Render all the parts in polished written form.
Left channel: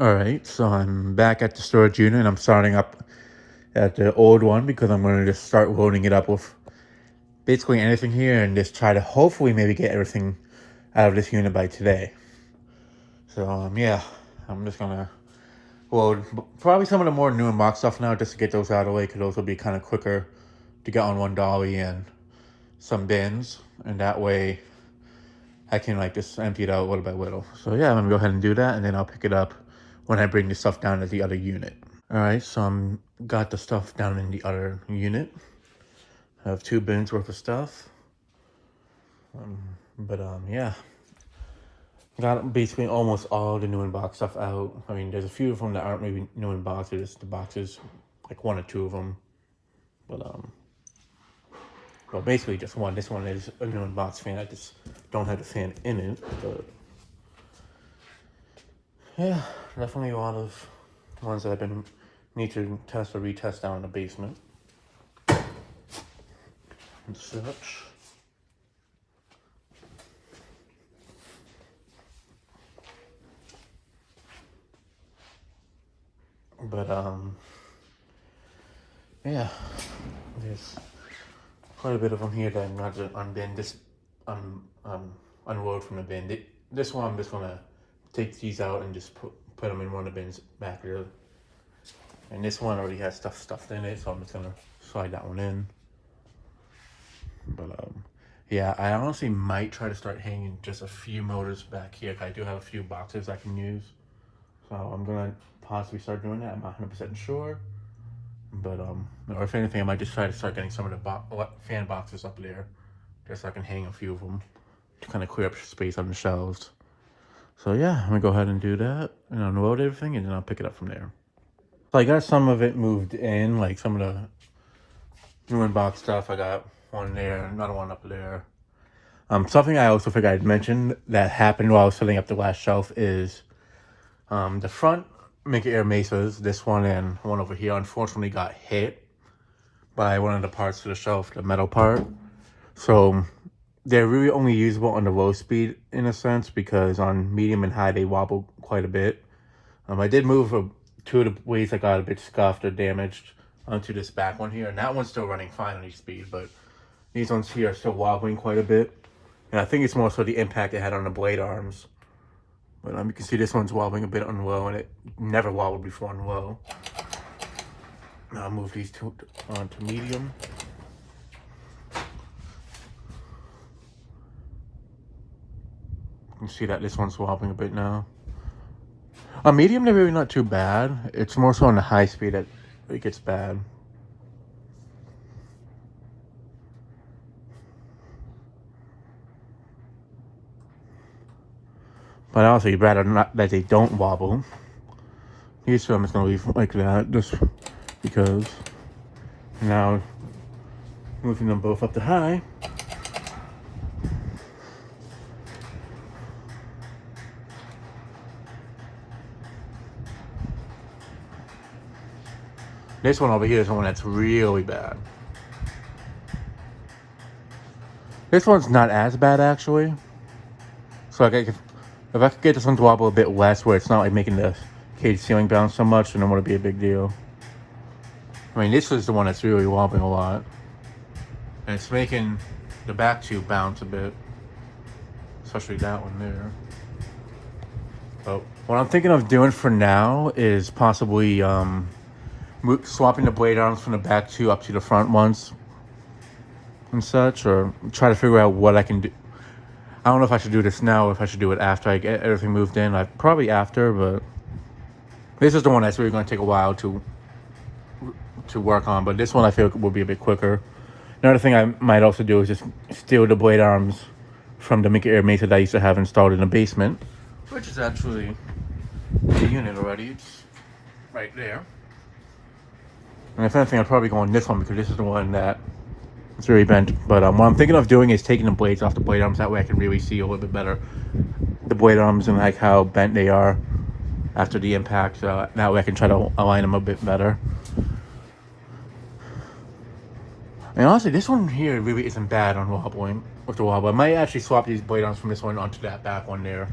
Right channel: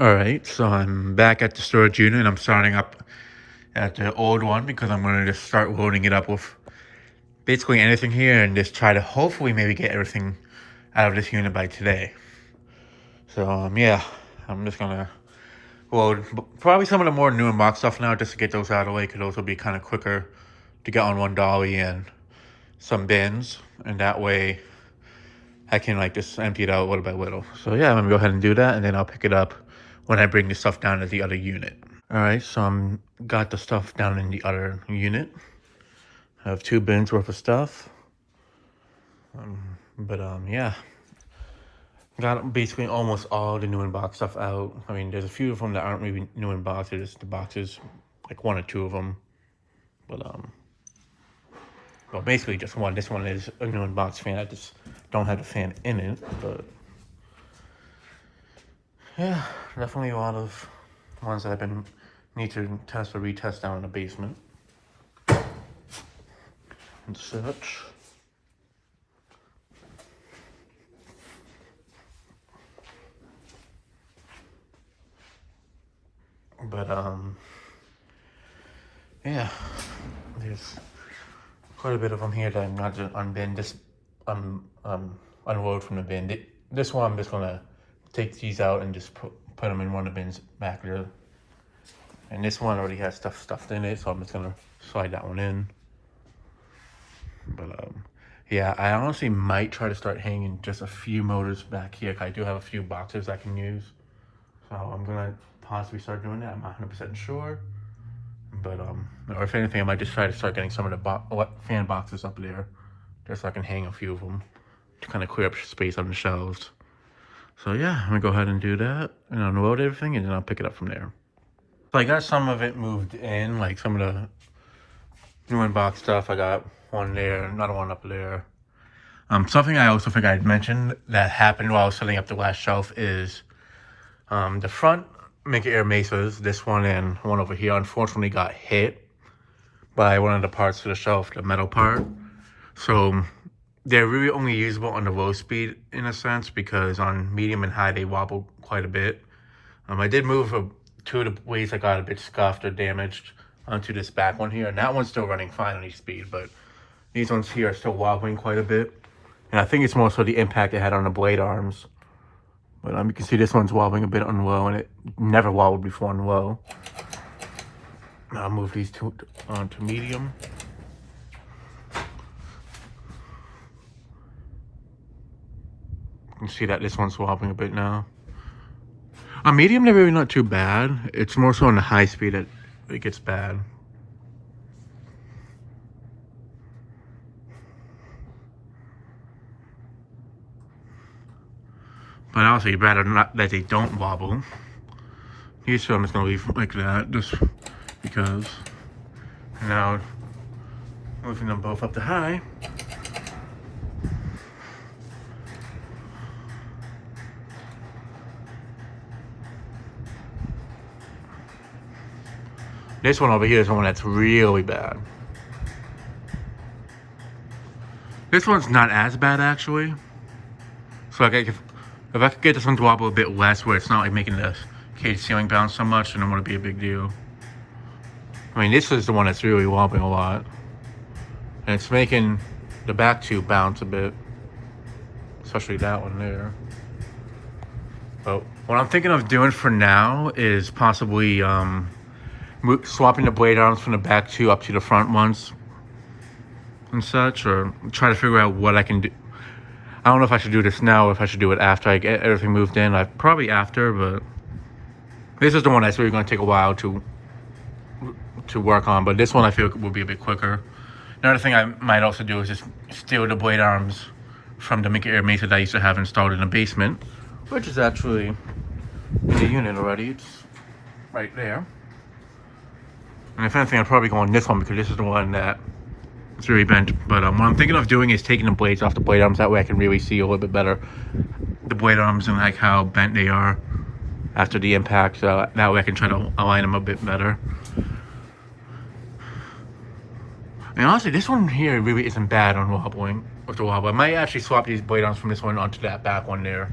All right, so I'm back at the storage unit and I'm starting up at the old one because I'm going to just start loading it up with basically anything here and just try to hopefully maybe get everything out of this unit by today. So, yeah, I'm just going to load probably some of the more new and box stuff now just to get those out of the way because those will be kind of quicker to get on one dolly and some bins. And that way I can like just empty it out little by little. So, yeah, I'm going to go ahead and do that and then I'll pick it up when I bring the stuff down to the other unit. All right, so I'm got the stuff down in the other unit. I have 2 bins worth of stuff. But yeah, got basically almost all the new in box stuff out. I mean, there's a few of them that aren't really new in boxes. The boxes, like 1 or 2 of them. But well, basically just one. This one is a new in box fan. I just don't have the fan in it. But yeah, definitely a lot of ones that I've been need to test or retest down in the basement and such. But yeah, there's quite a bit of them here that I'm not to unbin. This unload from the bin. This one I'm just gonna take these out and just put them in one of the bins back there. And this one already has stuff stuffed in it, so I'm just gonna slide that one in. But yeah, I honestly might try to start hanging just a few motors back here. I do have a few boxes I can use, so I'm gonna possibly start doing that. I'm not 100% sure, but or if anything, I might just try to start getting some of the fan boxes up there, just so I can hang a few of them to kind of clear up space on the shelves. So yeah, I'm gonna go ahead and do that and unload everything, and then I'll pick it up from there. So I got some of it moved in, like some of the new in-box stuff. I got one there, another one up there. Something I also think I'd mentioned that happened while I was setting up the last shelf is the front Mega Air Mesas, this one and one over here, unfortunately got hit by one of the parts of the shelf, the metal part. So they're really only usable on the low speed in a sense because on medium and high they wobble quite a bit. I did move 2 of the weights that got a bit scuffed or damaged onto this back one here, and that one's still running fine on each speed, but these ones here are still wobbling quite a bit. And I think it's more so the impact it had on the blade arms. But you can see this one's wobbling a bit on low, and it never wobbled before on low. Now I'll move these 2 onto medium. You can see that this one's wobbling a bit now. On medium, they're really not too bad. It's more so on the high speed that it gets bad. But also, you'd rather not that they don't wobble. These two I'm just gonna leave like that, just because. Now, moving them both up to high. This one over here is the one that's really bad. This one's not as bad actually. So like if I could get this one to wobble a bit less, where it's not like making the cage ceiling bounce so much, then it wouldn't be a big deal. I mean, this is the one that's really wobbling a lot, and it's making the back 2 bounce a bit, especially that one there. But what I'm thinking of doing for now is possibly swapping the blade arms from the back 2 up to the front ones and such, or try to figure out what I can do. I don't know if I should do this now or if I should do it after I get everything moved in. Probably after, but this is the one that's really going to take a while to work on. But this one I feel will be a bit quicker. Another thing I might also do is just steal the blade arms from the Mega Air Mesa that I used to have installed in the basement, which is actually the unit already. It's right there. And if anything, I'd probably go on this one because this is the one that it's really bent. But what I'm thinking of doing is taking the blades off the blade arms. That way I can really see a little bit better the blade arms and like how bent they are after the impact. That way I can try to align them a bit better. And honestly, this one here really isn't bad on wobbling with the wobble. I might actually swap these blade arms from this one onto that back one there.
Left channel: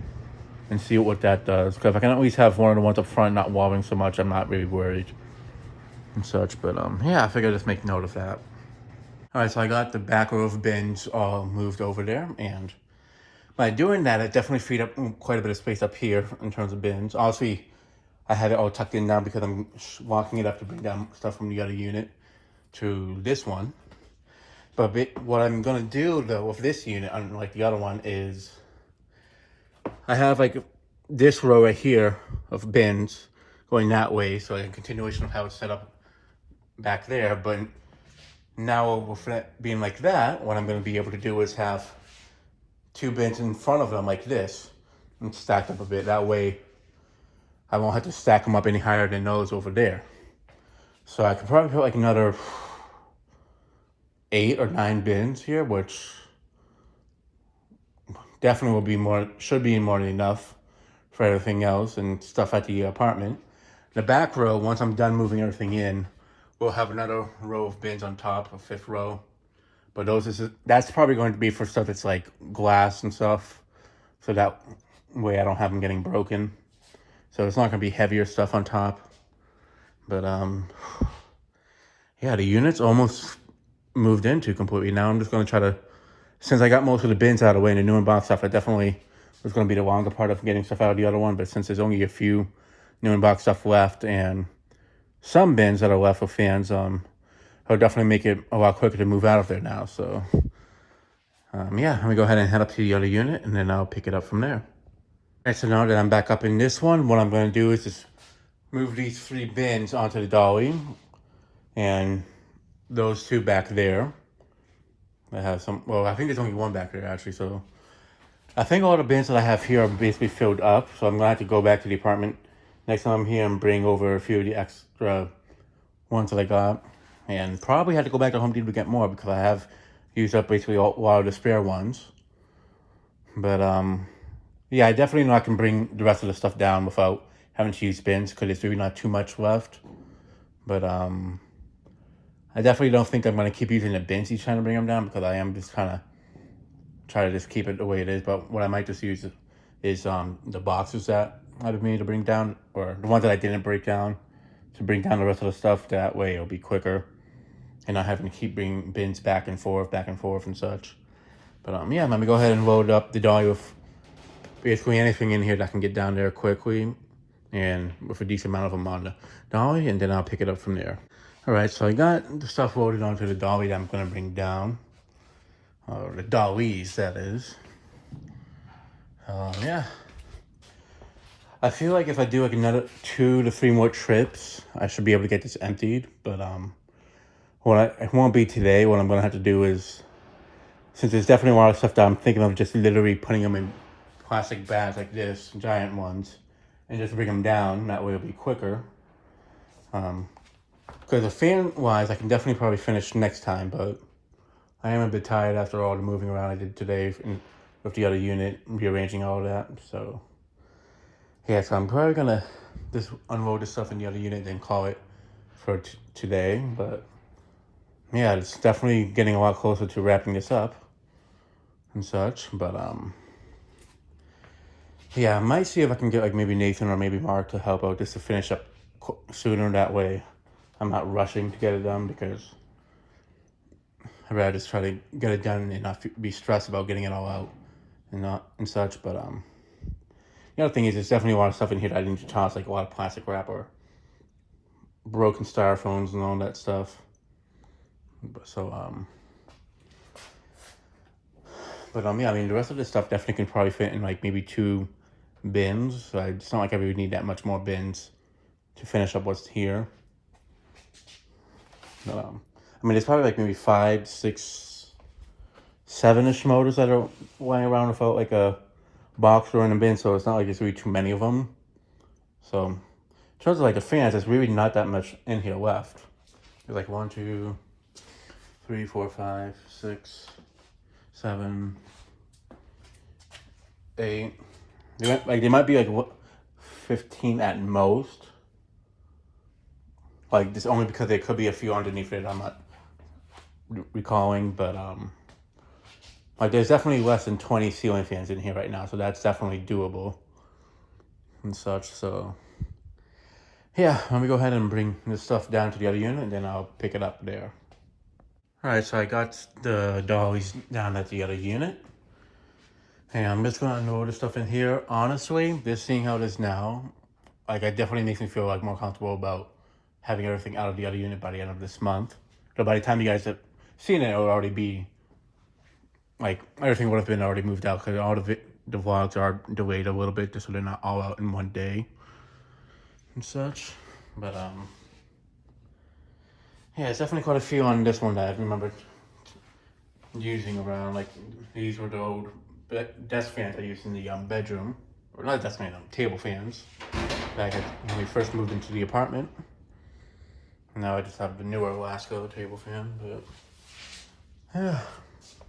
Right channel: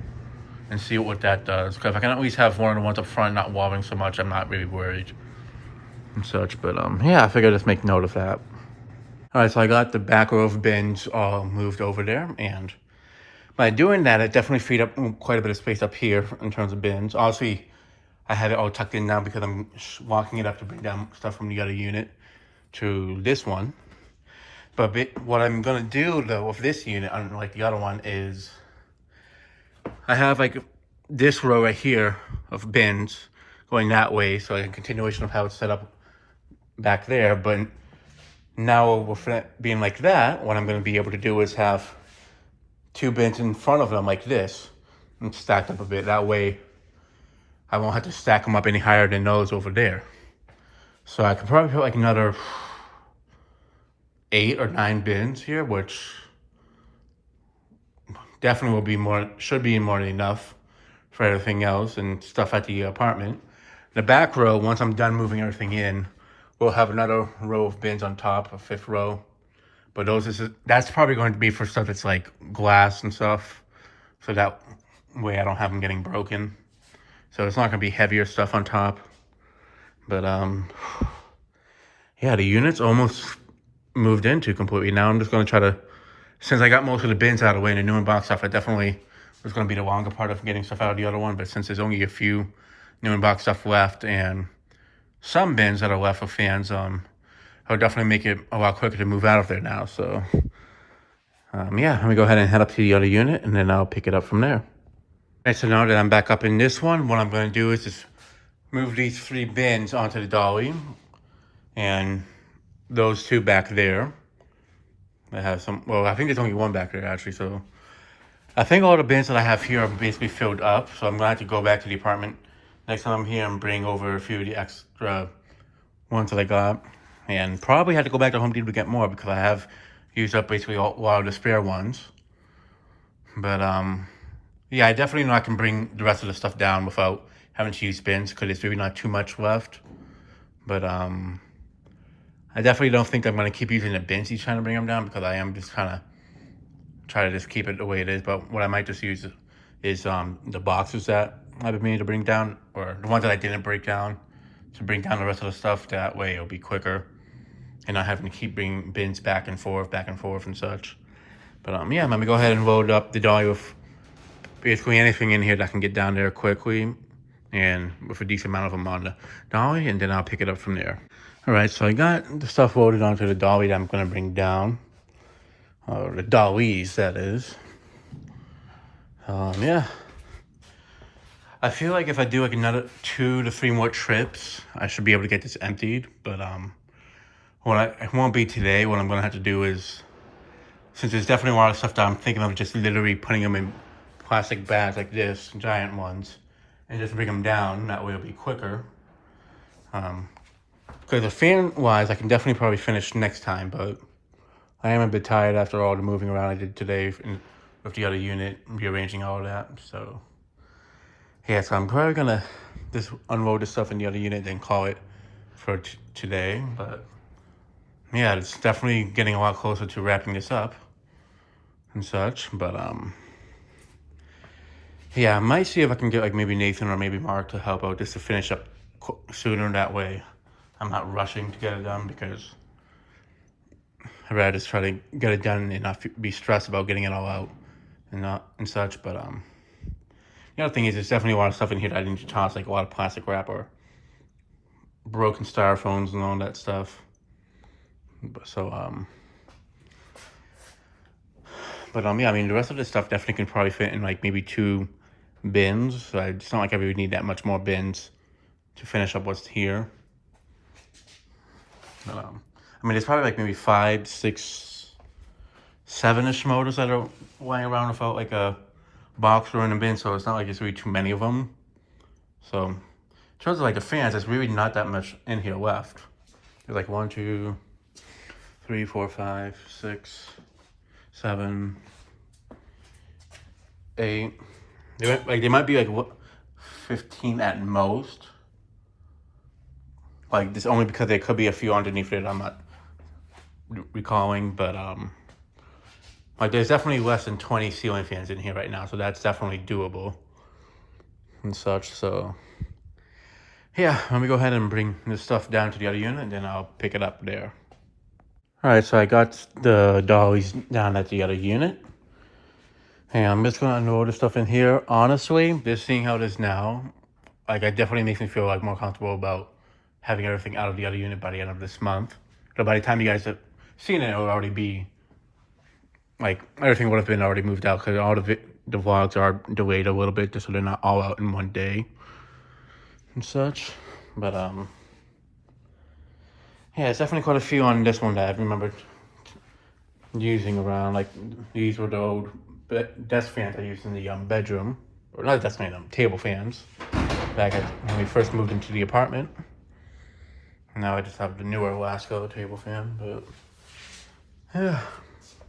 and see what that does. Because if I can at least have one of the ones up front not wobbling so much, I'm not really worried and such. But yeah, I figured I'd just make note of that. All right, so I got the back row of bins all moved over there, and by doing that, it definitely freed up quite a bit of space up here in terms of bins. Obviously, I had it all tucked in now because I'm walking it up to bring down stuff from the other unit to this one. But what I'm gonna do though with this unit, unlike the other one, is I have like this row right here of bins going that way, so like a continuation of how it's set up back there. But now with it being like that, what I'm gonna be able to do is have two bins in front of them like this and stacked up a bit. That way I won't have to stack them up any higher than those over there. So I could probably put like another 8 or 9 bins here, which definitely will be more, should be more than enough for everything else and stuff at the apartment. The back row, once I'm done moving everything in, we'll have another row of bins on top, a 5th row. But that's probably going to be for stuff that's like glass and stuff. So that way I don't have them getting broken. So it's not gonna be heavier stuff on top. But yeah, the unit's almost moved into completely. Now I'm just gonna try to, since I got most of the bins out of the way and the new in-box stuff, I definitely was gonna be the longer part of getting stuff out of the other one. But since there's only a few new in-box stuff left and some bins that are left with fans, it'll definitely make it a lot quicker to move out of there now. So yeah, let me go ahead and head up to the other unit and then I'll pick it up from there. Alright, so now that I'm back up in this one, what I'm going to do is just move these 3 bins onto the dolly and those 2 back there. I have some, well, I think there's only 1 back there actually, so I think all the bins that I have here are basically filled up, so I'm going to have to go back to the apartment next time I'm here and bring over a few of the extra ones that I got, and probably have to go back to Home Depot to get more because I have used up basically a lot of the spare ones. But yeah, I definitely know I can bring the rest of the stuff down without having to use bins because there's really not too much left. But I definitely don't think I'm going to keep using the bins each time to bring them down because I am just kind of try to just keep it the way it is. But what I might just use is the boxes that I've been meaning to bring down, or the ones that I didn't break down, to bring down the rest of the stuff. That way it'll be quicker and not having to keep bringing bins back and forth and such. But yeah, I'm going to go ahead and load up the dolly with basically anything in here that can get down there quickly and with a decent amount of them on the dolly, and then I'll pick it up from there. All right, so I got the stuff loaded onto the dolly that I'm going to bring down. The dollies, that is. Yeah. I feel like if I do like another 2 to 3 more trips, I should be able to get this emptied. But it won't be today. What I'm going to have to do is, since there's definitely a lot of stuff that I'm thinking of just literally putting them in plastic bags like this, giant ones, and just bring them down. That way it'll be quicker. Because the fan-wise, I can definitely probably finish next time, but I am a bit tired after all the moving around I did today with the other unit, rearranging all of that. So yeah, so I'm probably gonna just unload the stuff in the other unit and call it for today. But yeah, it's definitely getting a lot closer to wrapping this up and such. But yeah, I might see if I can get like maybe Nathan or maybe Mark to help out just to finish up sooner. That way I'm not rushing to get it done because I'd rather just try to get it done and not be stressed about getting it all out and such. But the other thing is there's definitely a lot of stuff in here that I need to toss, like a lot of plastic wrap or broken styrofoams and all that stuff. So but yeah, I mean the rest of this stuff definitely can probably fit in like maybe 2 bins. So it's not like I really need that much more bins to finish up what's here. But, I mean, there's probably like maybe 5, 6, 7-ish motors that are lying around without like a box or in a bin, so it's not like there's really too many of them. So in terms of like the fans, there's really not that much in here left. There's like 1, 2, 3, 4, 5, 6, 7, 8. They might be like 15 at most. Like this only because there could be a few underneath it I'm not recalling, but like there's definitely less than 20 ceiling fans in here right now, so that's definitely doable. and such. So yeah, let me go ahead and bring this stuff down to the other unit, and then I'll pick it up there. All right, so I got the dollies down at the other unit. And I'm just gonna unload the stuff in here. Honestly, just seeing how it is now, like, it definitely makes me feel like more comfortable about having everything out of the other unit by the end of this month. So by the time you guys have seen it, it'll already be like everything would have been already moved out, because all the vlogs are delayed a little bit just so they're not all out in one day and such. But yeah, it's definitely quite a few on this one that I remember using around. Like, these were the old desk fans I used in the bedroom, or not desk fan, table fans back when we first moved into the apartment. Now I just have the newer Lasco table fan, but yeah,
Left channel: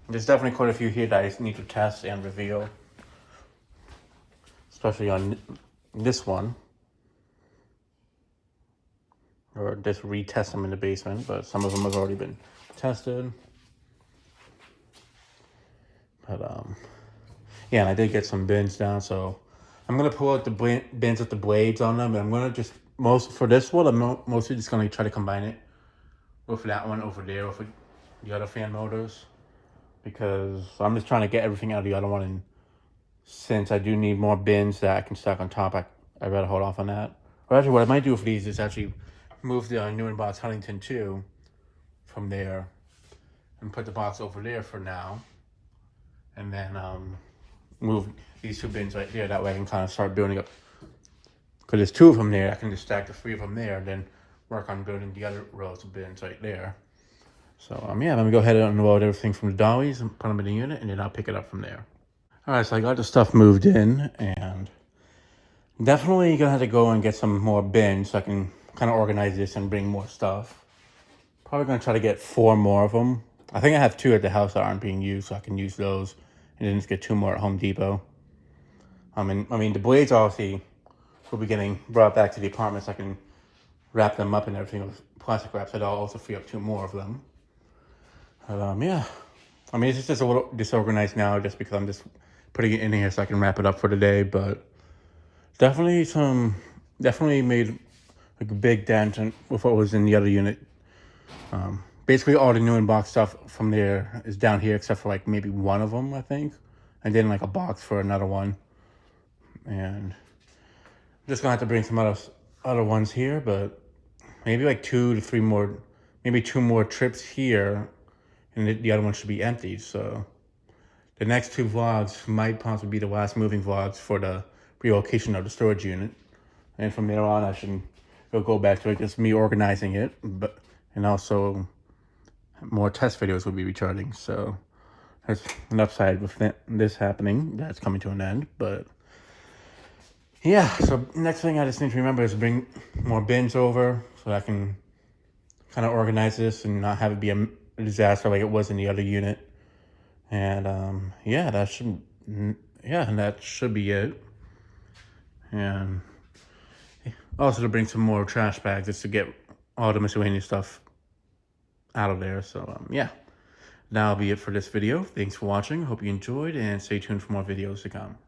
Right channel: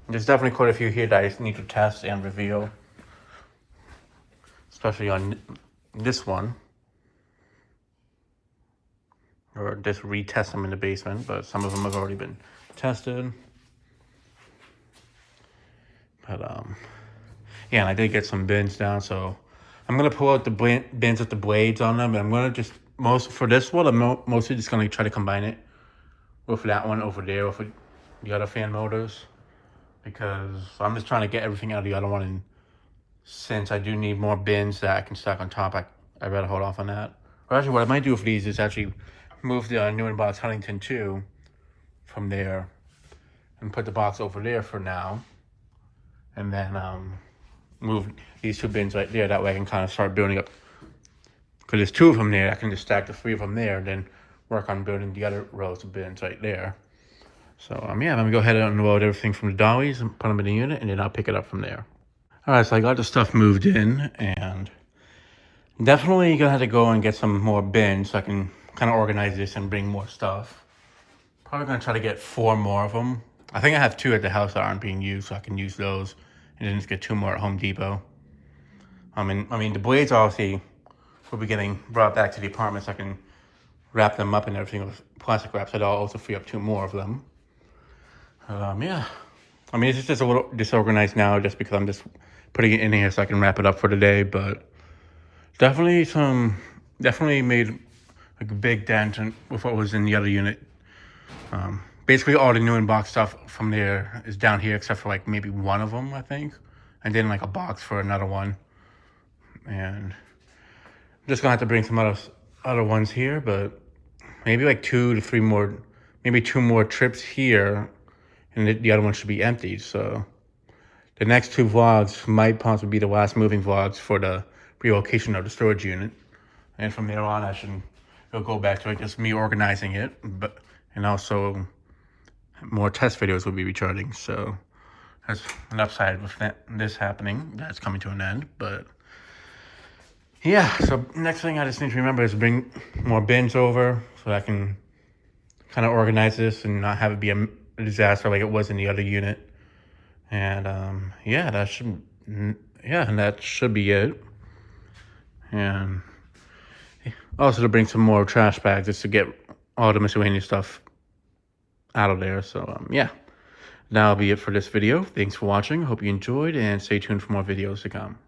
there's definitely quite a few here that I need to test and reveal, especially on this one, or just retest them in the basement, but some of them have already been tested. But yeah, and I did get some bins down, so I'm gonna pull out the bins with the blades on them, and I'm gonna just for this one, I'm mostly just gonna try to combine it with that one over there with the other fan motors, because I'm just trying to get everything out of the other one, and since I do need more bins that I can stack on top, I'd rather hold off on that. But actually, what I might do with these is actually move the new in-box Huntington 2 from there and put the box over there for now, and then move these two bins right there. That way I can kind of start building up, because there's two of them there. I can just stack the three of them there, and then work on building the other rows of bins right there. So yeah, let me go ahead and unload everything from the dollies and put them in the unit, and then I'll pick it up from there. All right, so I got the stuff moved in, and definitely gonna have to go and get some more bins so I can kind of organize this and bring more stuff. Probably gonna try to get 4 more of them. I think I have 2 at the house that aren't being used, so I can use those, and then just get 2 more at Home Depot. I mean, the blades obviously will be getting brought back to the apartment, so I can wrap them up and everything with plastic wrap, so I'll also free up 2 more of them. Yeah, I mean, it's just a little disorganized now just because I'm just putting it in here so I can wrap it up for the day, but definitely made like a big dent with what was in the other unit. Basically all the new in-box stuff from there is down here, except for like maybe one of them, I think, and then like a box for another one. And I'm just gonna have to bring some other ones here, but maybe like 2 to 3 more, maybe 2 more trips here, and the other one should be empty. So the next 2 vlogs might possibly be the last moving vlogs for the relocation of the storage unit, and from there on it'll go back to like just me organizing it, and also more test videos will be recharging. So there's an upside with this happening, that's coming to an end. But yeah, so next thing I just need to remember is bring more bins over so I can kind of organize this and not have it be a disaster like it was in the other unit. And yeah, that should be it. And also to bring some more trash bags just to get all the miscellaneous stuff out of there. So yeah, that'll be it for this video. Thanks for watching. Hope you enjoyed, and stay tuned for more videos to come.